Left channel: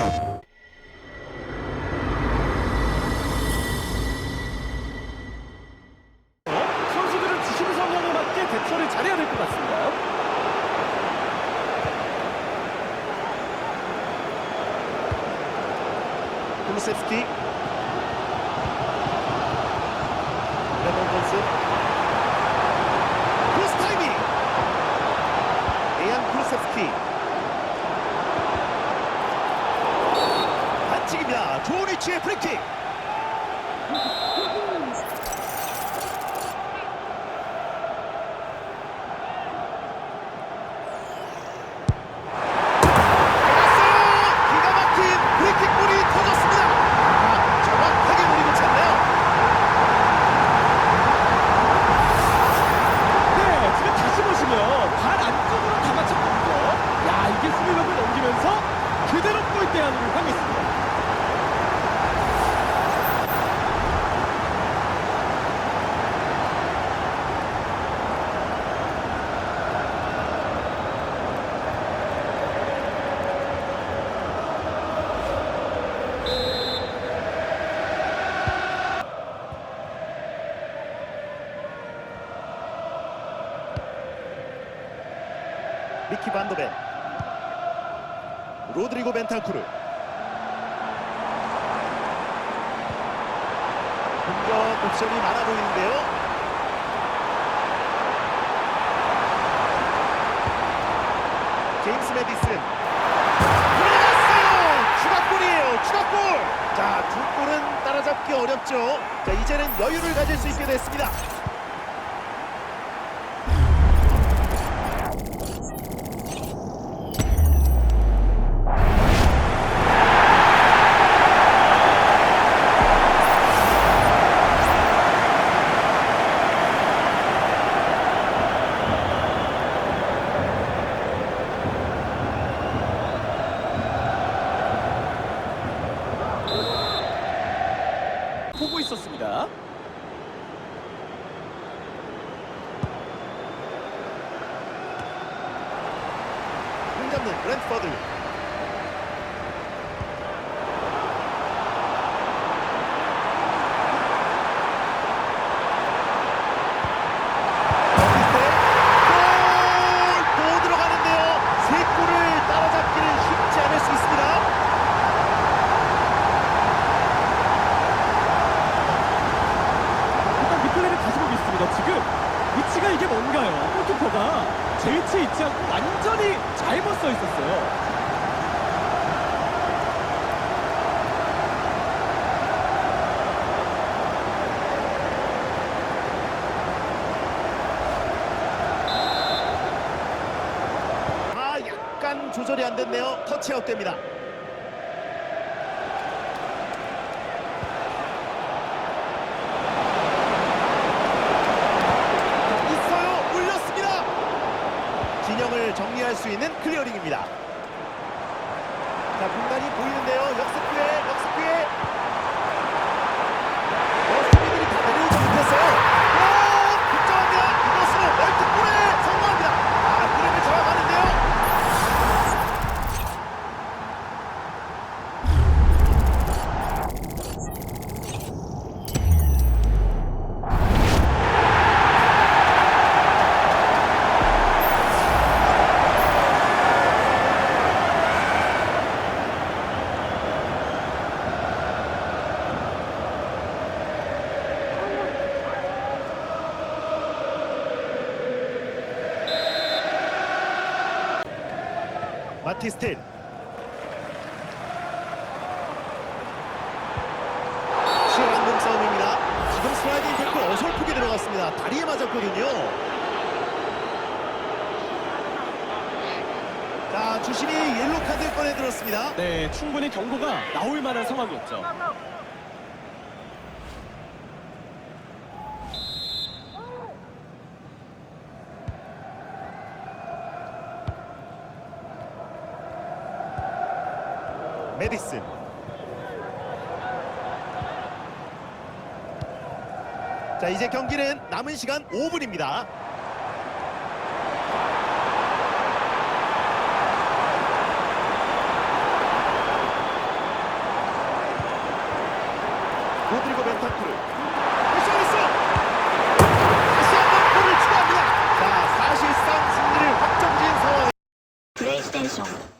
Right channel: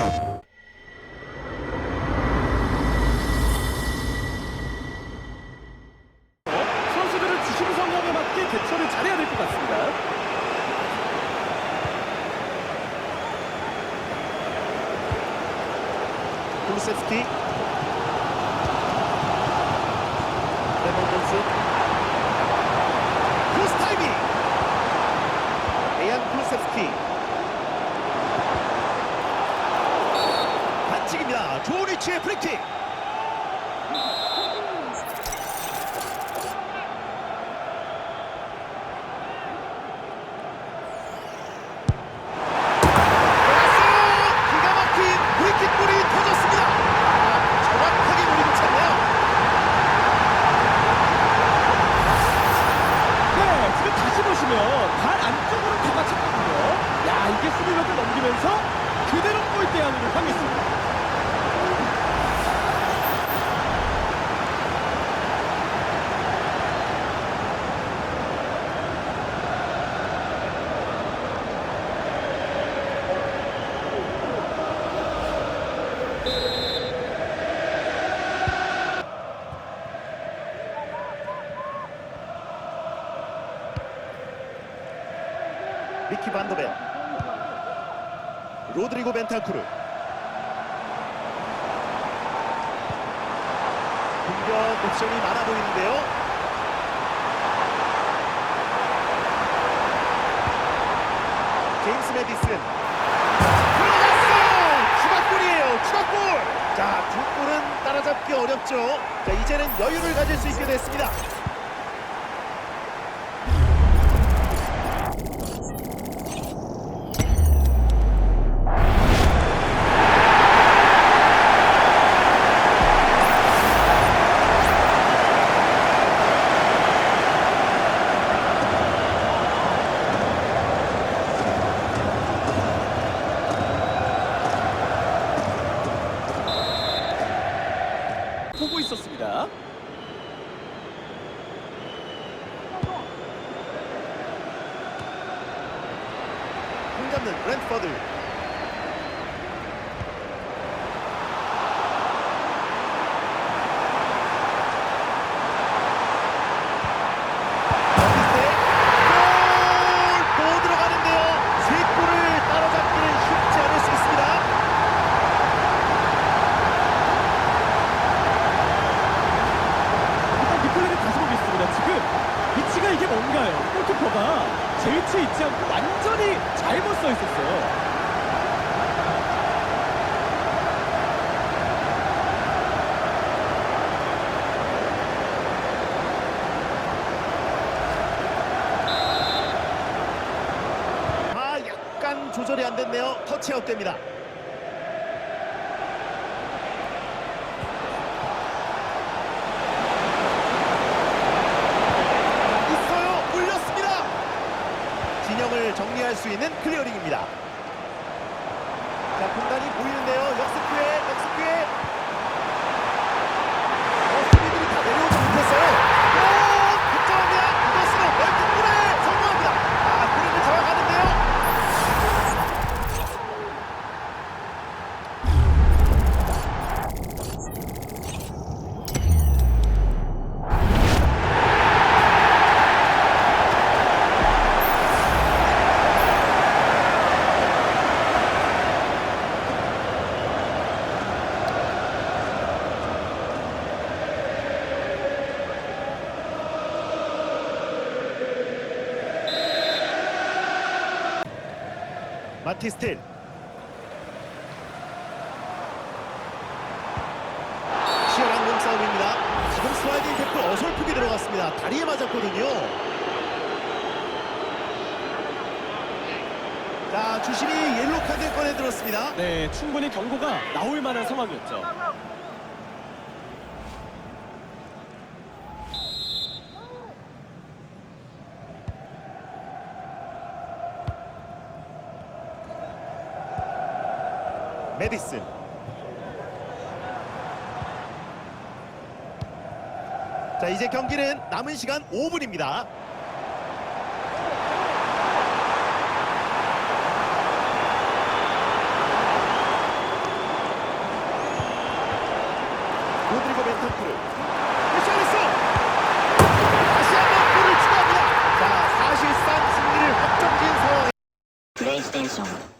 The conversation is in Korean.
어? 선수들은 주심 성향에 맞게 대처를 잘해야 될 것 같습니다. 굴루셉스키 레몬던스 크로스 타이밍 에양 굴루셉스키 반칙입니다. 좋은 위치의 프리킥. 아 네, 발 안쪽으로 감아쳤거든요. 야, 이게 수비력을 넘기면서 그대로 골대 안으로 향했습니다. 미키 반더벤 로드리고 벤탄쿠르. 공격 옵션이 많아 보이는데요. 제임스 메디슨. 들어갔어요! 추가골이에요 추가골! 자두 골은 따라잡기 어렵죠. 자 이제는 여유를 가질 수 있게 됐습니다 보고 있었습니다. 공 잡는 브랜트퍼드 어시스트에 골! 또 들어가는데요 세 골을 따라잡기는 쉽지 않을 수 있습니다 일단 리플레이를 보겠습니다. 지금 위치가 이게 뭔가요? 골키퍼가 제 위치에 있지 않고 완전히 잘못 서 있었어요. 아 조절이 안 됐네요 터치아웃 됩니다 자, 있어요 올렸습니다 진영을 정리할 수 있는 클리어링입니다. 자 공간이 보이는데요. 역습 기회 역습 기회 마티스텔 치열한 몸싸움입니다. 지금 슬라이딩 태클 어설프게 들어갔습니다. 다리에 맞았거든요. 자 주심이 옐로 카드 꺼내 들었습니다. 네, 충분히 경고가 나올 만한 상황이었죠. 메디슨. 자 이제 경기는 남은 시간 5분입니다. 로드리고 벤탄크르 패션리스 다시 한번 골을 추가합니다. 자 사실상 승리를 확정지은 상황. 플레이스테이션.